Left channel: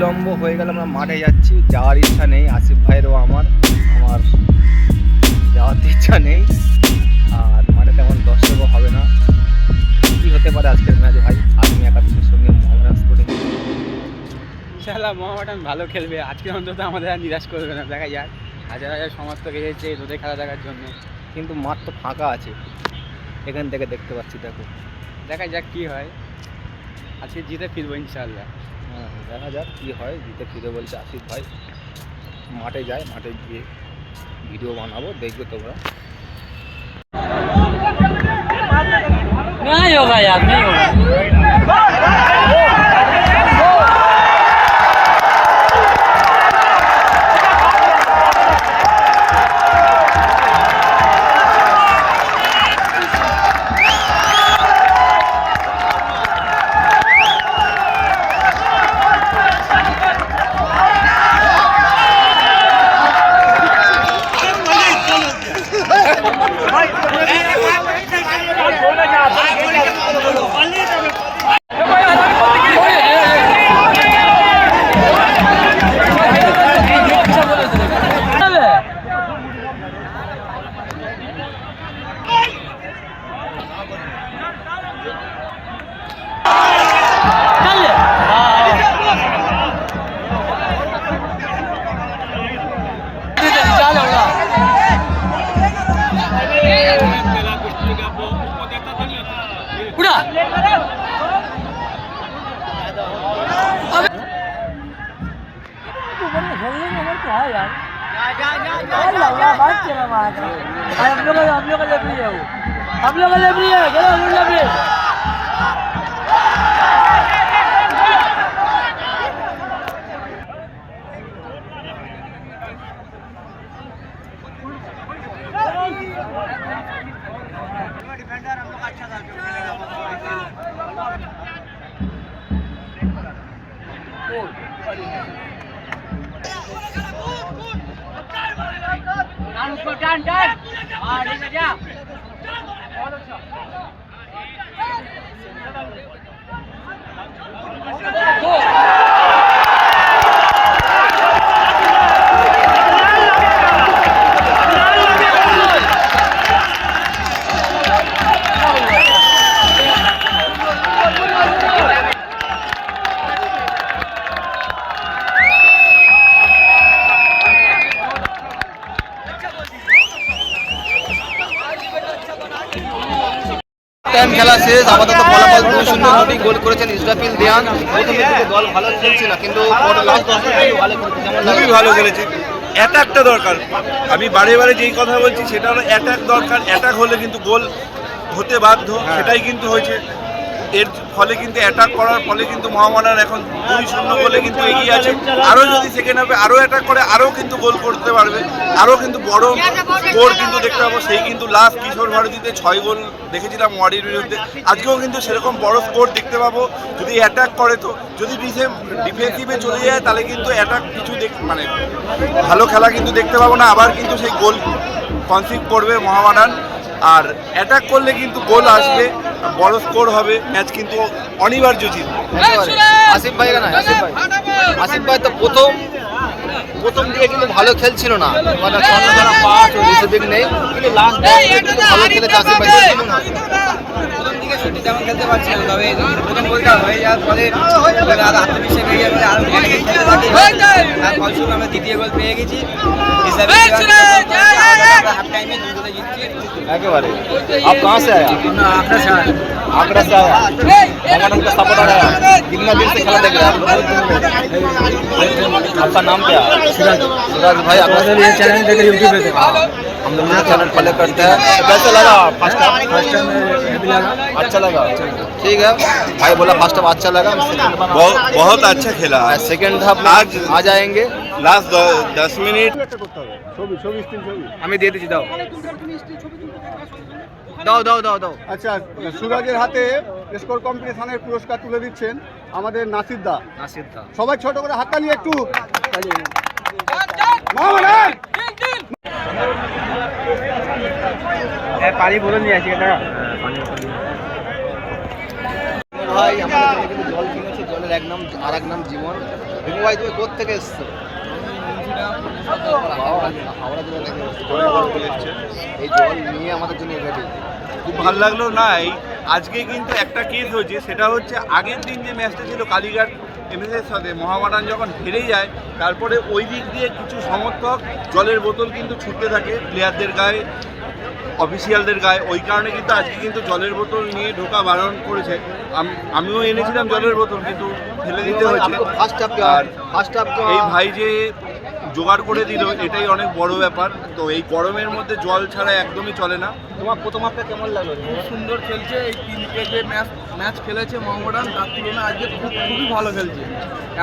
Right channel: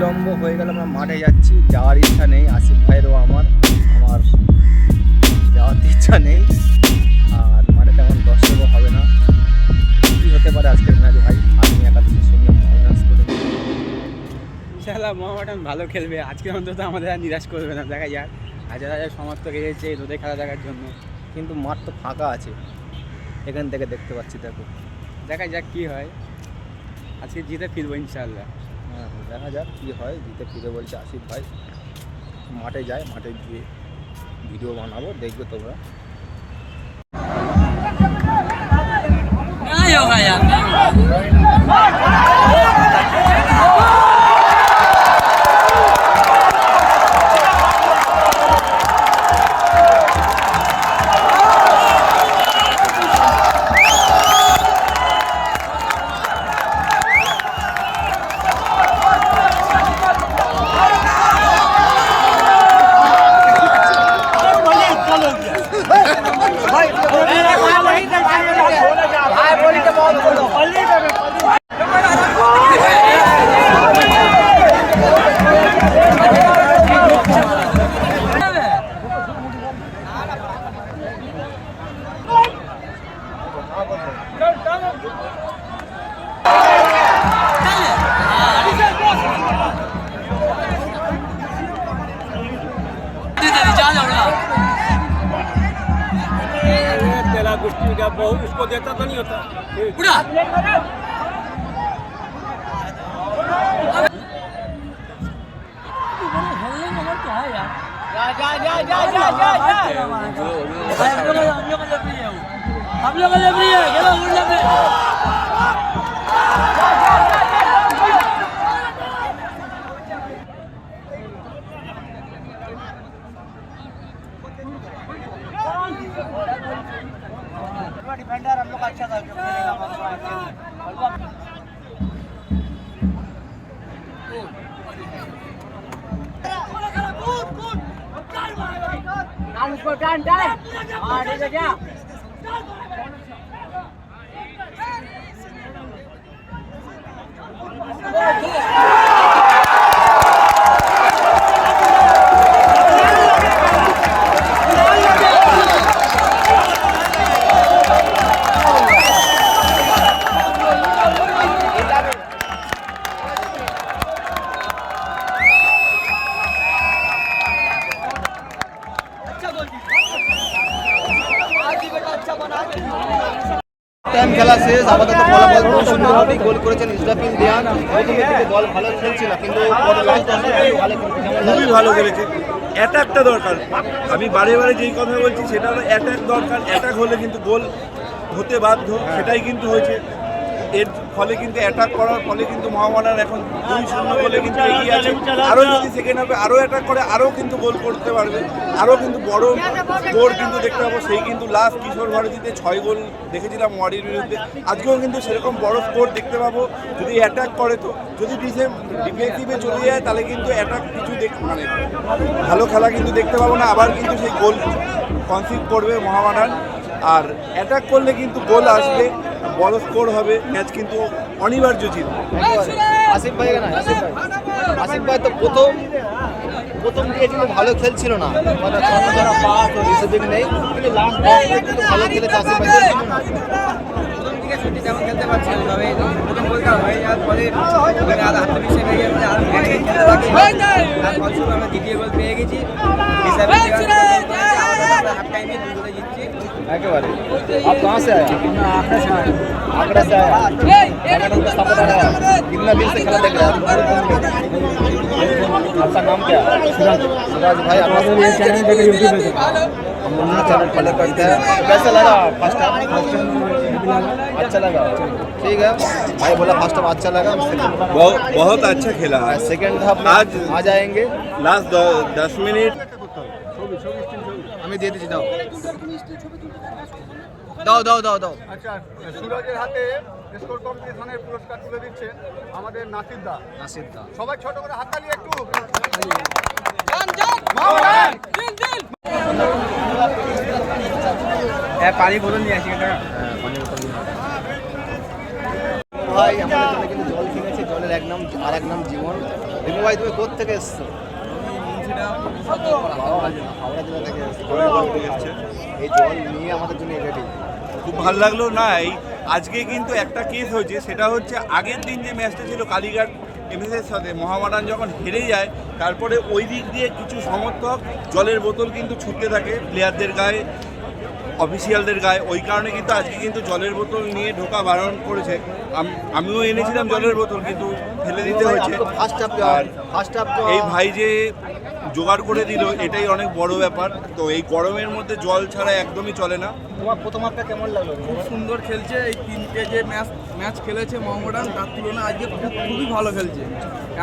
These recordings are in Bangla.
বিলম্ব হয়ে গেল, আমরা মাঠে যাচ্ছি, যাওয়ার ইচ্ছা নেই আসিফ ভাইয়েরও আমার যাওয়ার ইচ্ছা নেই। আর মাঠে তেমন দর্শকও হবে না। কী হতে পারে আজকের ম্যাচ ভাই? আর্মি একাদশের সঙ্গে মোহামেডান স্পোর্টিং। ইনশাআল্লাহ মোহামেডান ভালো খেলবে আজকে, অন্তত আমাদের আর নিরাশ করবে না। দেখা যাক, হাজার হাজার সমর্থক এসেছে রোদে খেলা দেখার জন্য, কিন্তু মাঠ তো ফাঁকা আছে, এখান থেকে দেখতে পাচ্ছি। দেখা যাক কী হয়। আজকে জিতে ফিরবো ইনশাআল্লাহ। হ্যাঁ, দেখা যাক কী হয়। জিতে ফিরে বলছে আসিফ ভাই। মাঠে যায়, মাঠে গিয়ে ভিডিও বানাবো, দেখবে তোমরা। नहीं होगा यार, नहीं होगा। उसको देता तो नहीं होता पूरा। हम लोग डिफेंडर हम लोग अच्छा था जो खेलेगा उसको टर्न टर्न। हाँ ठीक है क्या টাইম খেলা শেষ, আপাতত ফলাফল 2-0 গোল করেছেন ইসরাফিল দেয়ান। প্রথমের দিকে দল ভালো খেলছে না, কিন্তু লাস্ট 10 মিনিটে ভালো খেলছে, খুবই ভালো খেলেছে। অ্যাটাকটা দরকার, আমি বারে বারে যেই কথা বলছি সেটা হলো অ্যাটাক দরকার। অ্যাটাক হলে কিন্তু গোল হতে বাধ্য, সেটাই কিন্তু হয়েছে। এর ফলে কিন্তু অ্যাটাক করার ফলে কিন্তু মোহামেডান এখন 2-0 গোলে কিন্তু এগিয়ে আছে। আরও যদি সেকেন্ড হাফে আরও অ্যাটাক করে আরও কিন্তু গোল করতে পারবে, আরও কিন্তু বড় স্কোর কিন্তু দেখতে পাবো। সেই কিন্তু লাস্ট কিশোর ভারতীতে 6 গোল দেখেছিলাম ওয়াডির বিরুদ্ধে, আজকেও কিন্তু সেরকম বড় স্কোর দেখতে পাবো যদি অ্যাটাক করে। তো যদি ডিফেন্সিভে চলে যায় তাহলে কিন্তু অ্যাটাক কিছু মানে ভালো খেলা কিন্তু দেখতে পাবো না। আবার কিন্তু সেই গোল কনসিভ করবে মোহামেডান, আর অ্যাটাক করলে কিন্তু গোল আসবে, বড় স্কোর হবে, ম্যাচ কিন্তু অনিবার্য জিতবে। আসিফ ভাই না, আসিফ ভাই তো প্রথম দিকে কিন্তু ভালো খেলছিল না, মানে পাস ও রিসিভিং নেই, কিন্তু লাস্ট কিন্তু ভালো খেলেছে আসিফ ভাই। প্রথম দিকে সত্যি তেমন খেলতে পারছি না, তবে প্রথম গোলটা হয়ে যাওয়ার পরে আত্মবিশ্বাস হয়ে যাবে, আর খেলতে থাকি, আর ফলস্বরূপ আমরা দ্বিতীয় গোল পেয়ে গেছি। হাফ টাইমে 2 গোলে জিতছি একেবারে। आप कहाँ से आया? आगरा से आया। आगरा से आया, मोहामेडन का सपोर्टर आया। कितना दिन से खेला देख रहे हैं? आपका नाम क्या? सिराज भाई, आपका ये चैनल देख यूट्यूब पे देखा, हम लोग ये चैनल फॉलो करते हैं। कैसे लगा फर्स्ट हाफ? अच्छा लगा, ठीक है भाई। बोला फर्स्ट हाफ अच्छा लगा, बहुत अच्छा खेला। सेकंड हाफ आज आ जाएंगे। लास्ट 10 मिनट আমি দিয়ে দিচ্ছি, দাও দাও দাও দাও দাও। আচ্ছা, সুরাজের হাতে স্কোর কম্পিটিশনের পুরস্কার তুলে দিচ্ছেন আমাদের নাসির দা। সবাই ছোট করে হাতটা নিয়ে একটু পানি বোতল নিয়ে আসি। পানি বোতল নিয়ে ভাই, আমাদের জন্য কিন্তু জল কিনেছে। জলের আর এক নাম জীবন। রিমু ভাই তুমি কোথা থেকে এসছো? হাওড়া জেলা থেকে এসছো। এই জল নিয়ে আমাদের জন্য রেডি। খুব ভালো লাগলো না এই আজকে কিন্তু একটা কেস হয়েছে, সেটা হচ্ছে আগের দিন যে ম্যাচটা ছিল কালীঘাট এমএসের সাথে মোহামেডান যখন হেরে যায়, তারপরে ওই দিক দিয়ে কিছু সমর্থক জলের বোতল কিন্তু ছুটতে থাকে প্লেয়ারদের গায়ে, অফিসিয়ালদের গায়ে। ওই কারণে কিন্তু আজকে কিন্তু জলের বোতল নিয়ে ঢোকা বারণ করেছে। আমিও এনেছিলাম জলের বোতল, কিন্তু ফেলে দিতে হয়েছে। ফার্স্ট হাফ এই ভাই যে জোগাড় করে দিল এটাই অনেক বড় ব্যাপার। তো এই গরমের মধ্যে জল ছাড়া একদমই চলে না। তোমার প্রথম হাফটা কেমন লাগলো? খুব সুন্দর খেলছে। এই 3টে যে ম্যাচ খেলেছে মোহামেডান, তার তুলনায় আজকে খুবই ভালো খেলছে।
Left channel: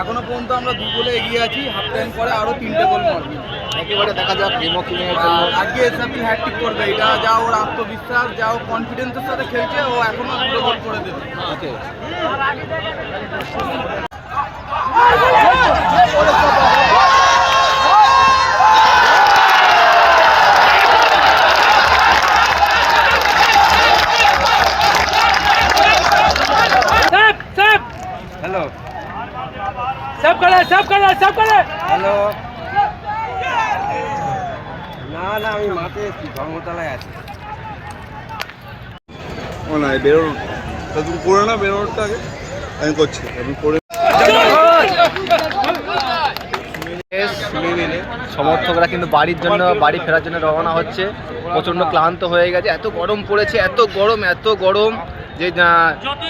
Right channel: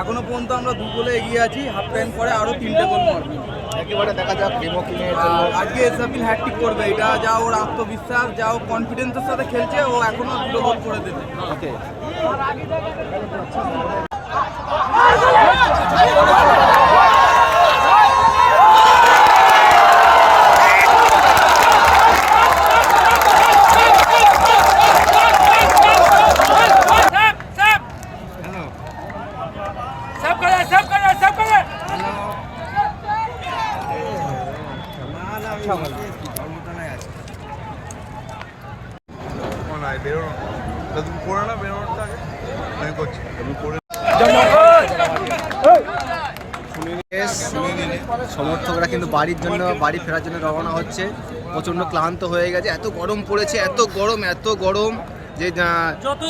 এখনো পর্যন্ত আমরা 2 গোলে এগিয়ে আছি। হাফ টাইম পরে আরও 3টে গোল মারবে। একেবারে দেখা যাক রিমো কি আজকে এসআপিল হ্যাটট্রিক করবে। এটা যা ওর আত্মবিশ্বাস, যা ও কনফিডেন্সের সাথে খেলছে, ও এখনো 2 গোল করে দেবে। ওকে। হ্যালো। না আমি মাঠে ধর্মতলায় আছি। বেরোনো তুমি করে না, বেরোনোটা আগে আমি করছি। আমি করে সমর্থকরা কিন্তু বাড়ির জন্য, বাড়ি ফেরার জন্য রওনা হচ্ছে। প্রচণ্ড ক্লান্ত হয়ে গেছে, এত গরম পড়েছে, এত গরম যে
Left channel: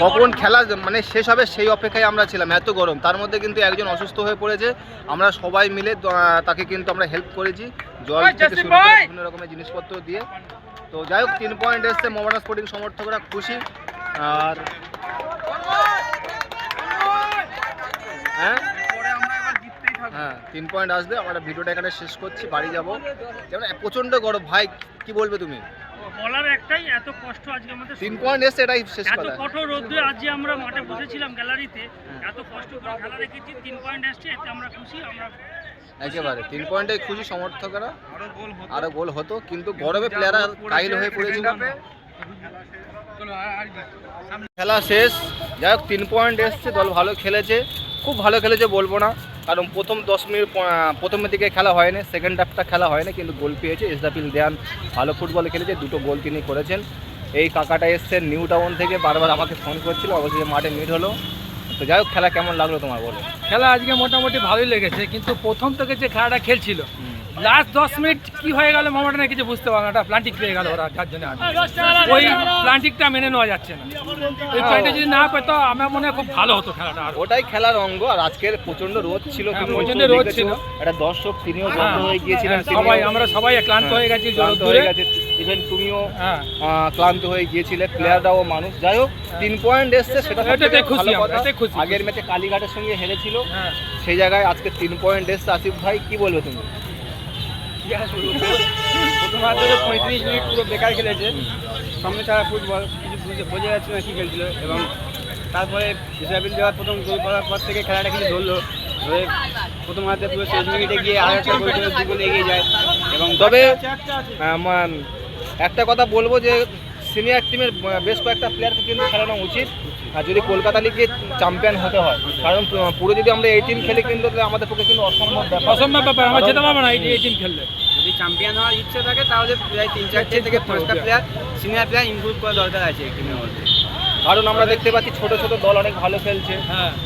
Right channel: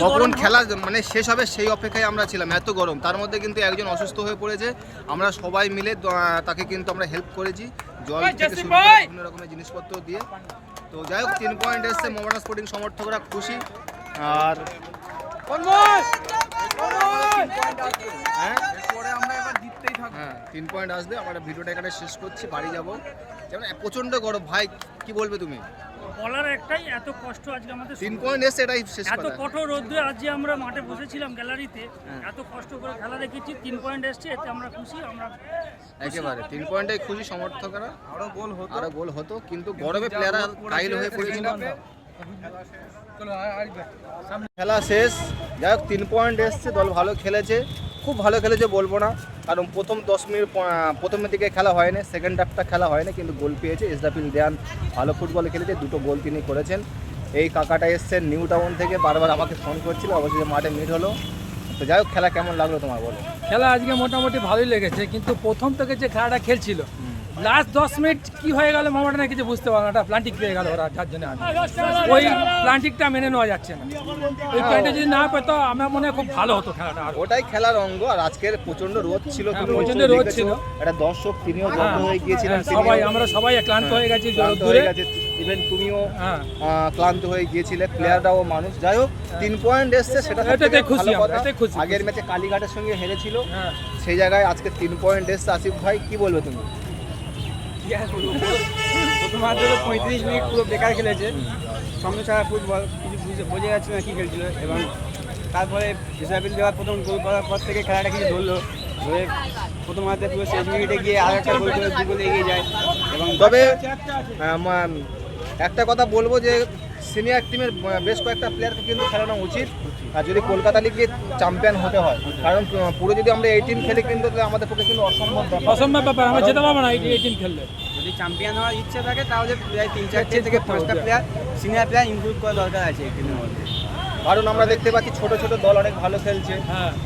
কখন খেলা মানে শেষ হবে সেই অপেক্ষায় আমরা ছিলাম। এত গরম, তার মধ্যে কিন্তু একজন অসুস্থ হয়ে পড়েছে। আমরা সবাই মিলে তাকে কিন্তু আমরা হেল্প করেছি, জল থেকে শুরু করে বিভিন্ন রকমের জিনিসপত্র দিয়ে। তো যাই হোক 3 পয়েন্ট এসছে, মোহামেডান স্পোর্টিং সমর্থকরা খুশি। আর হ্যাঁ 3 পয়েন্ট আসবে। আমরা ভিডিওটা এখানে শেষ করছি, বাড়ি যাবো। যেমন প্রচণ্ড গরম ভাই, কি বলবে তুমি? বলার একটাই, এত কষ্ট আজকে আমাদের 3 পয়েন্ট এসছে, এটাই শেষ এত কথা। কঠোর রোদ্রে আজকে আমরা মাঠে বসেছিলাম গ্যালারিতে, এত কষ্ট করে খেলা দেখেছি। 3 পয়েন্ট এসছে, এতে আমরা খুশি। আমরা একেবারে 3 পয়েন্টে খুশি সমর্থকরা। আরো গোল হতো, কিন্তু গরমে প্লেয়াররা কাইল হয়ে পড়েছিল। খেলা শেষ। যাই হোক 3 পয়েন্ট এসছে, দল ভালো খেলেছে, খুব ভালো খেলেছে বলবো না, কারণ প্রথম 10 মিনিট প্রথমের দিকে খেলা হয়নি, সেকেন্ড হাফটা খেলা হয়নি, কিন্তু গোল পেয়েছে। এসরাফিল দেয়ান ভালো ফুটবল খেলেছে, 2টো গোল তিনি করেছেন। এই কাকাটা এসছেন নিউ টাউন থেকে, বারবার আমাকে ফোন করছিল, অবশ্যই মাঠে মিট হলো। তো যাই হোক খেলা কেমন লাগলো তোমার বলো? খেলা আজকে মোটামুটি ভালোই লেগেছে, কিন্তু প্রথম থেকে যে খেলাটা খেলছিল লাস্ট 10 মিনিট কি হয়ে গেল মোহামেডানের কিছু বুঝতে পারলাম না। প্লান্টিক পেয়ে গেল ওরা, যার জন্য ওই প্লান্টিকটা মেনে নেওয়া যাচ্ছে না। ওই প্লান্টিক যদি না পেতো আমার মনে হয় খুব ভালো হতো খেলাটা। ওটাই খেলার অঙ্গ। আর আজকের প্রচন্ড রোদ ছিল, প্রচন্ড রোদ ছিল, একটা দর্শক তিনিও বন্ধ হয়ে গিয়েছিলেন। আমরা সবাই ক্লান্ত হয়ে গেছি, ইভেন তুমিও ক্লান্ত হয়ে গিয়েছিলে, প্লেয়াররাও মানুষ। যাই হোক 3 পয়েন্ট এসছে, সেটা খুশি। আগের ম্যাচে কালীঘাটের সঙ্গে হেরেছিল, সেই জায়গায় আজকে 3 পয়েন্ট এসছে। আসিফ ভাই কি বলবে তুমি? প্রথমার্ধে 35 মিনিট পুরো বেকার খেলেছে, সামনে ছাড়া ফুটবল কিছু বোঝা যাচ্ছে না কি খেলছিল। এবং তারপরে ইসরাফিল দেওয়ার প্রথম গোল করার পর থেকে খেলাটা কিছু ধরলো, ধরে প্রথমার্ধে পুরো শেষ মিনিটে গিয়ে আর একটা গোল করে 2 গোলে এগিয়ে যায়। এবং তবে একটা কথা বলবো যে সিনিয়র টিমের বেশ কয়েকটা প্লেয়ারকে কিন্তু খেলানো উচিত, আর যদি কলকাতা লিগে চ্যাম্পিয়ন হতে হয়। কারণ পুরো যদি আমরা এই টিম খেলি কিন্তু আমাদের পক্ষে কিন্তু অসম্ভব ব্যাপার, আমরা যেতে পারবো না এই টিম খেললে। যদি চ্যাম্পিয়ন হওয়ার ইচ্ছে থাকে তাহলে প্রায় 3-4 থেকে 5টা প্লেয়ার সিনিয়র প্লেয়ার ইনক্লুড করা দরকার আছে এই টিমের মধ্যে। কারণ আমরা দেখতে পাচ্ছি ছোট ছোট দল অনেক ভালো খেলছে।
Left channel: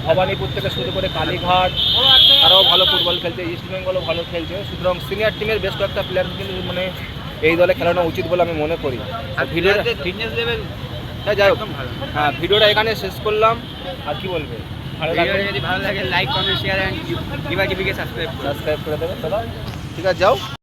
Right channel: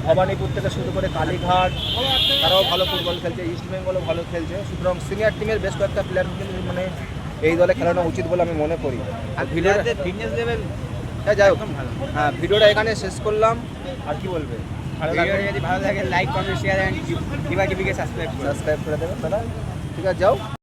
ভবানীপুর থেকে শুরু করে কালীঘাট তারাও ভালো ফুটবল খেলছে, ইস্ট বেঙ্গলও ভালো খেলছে। সুতরাং সিনিয়র টিমের বেশ কয়েকটা প্লেয়ারকে কিন্তু মানে এই দলে খেলানো উচিত বলে আমি মনে করি। আর ভিডিওতে ফিটনেস লেভেল যাই হোক হ্যাঁ, ভিডিওটা এখানে শেষ করলাম। আর কি বলবে? যদি ভালো লাগে লাইক কমেন্ট শেয়ার অ্যান্ড টিভিকে সাবস্ক্রাইব করে দেবেন দাদা। ঠিক আছে, যাও।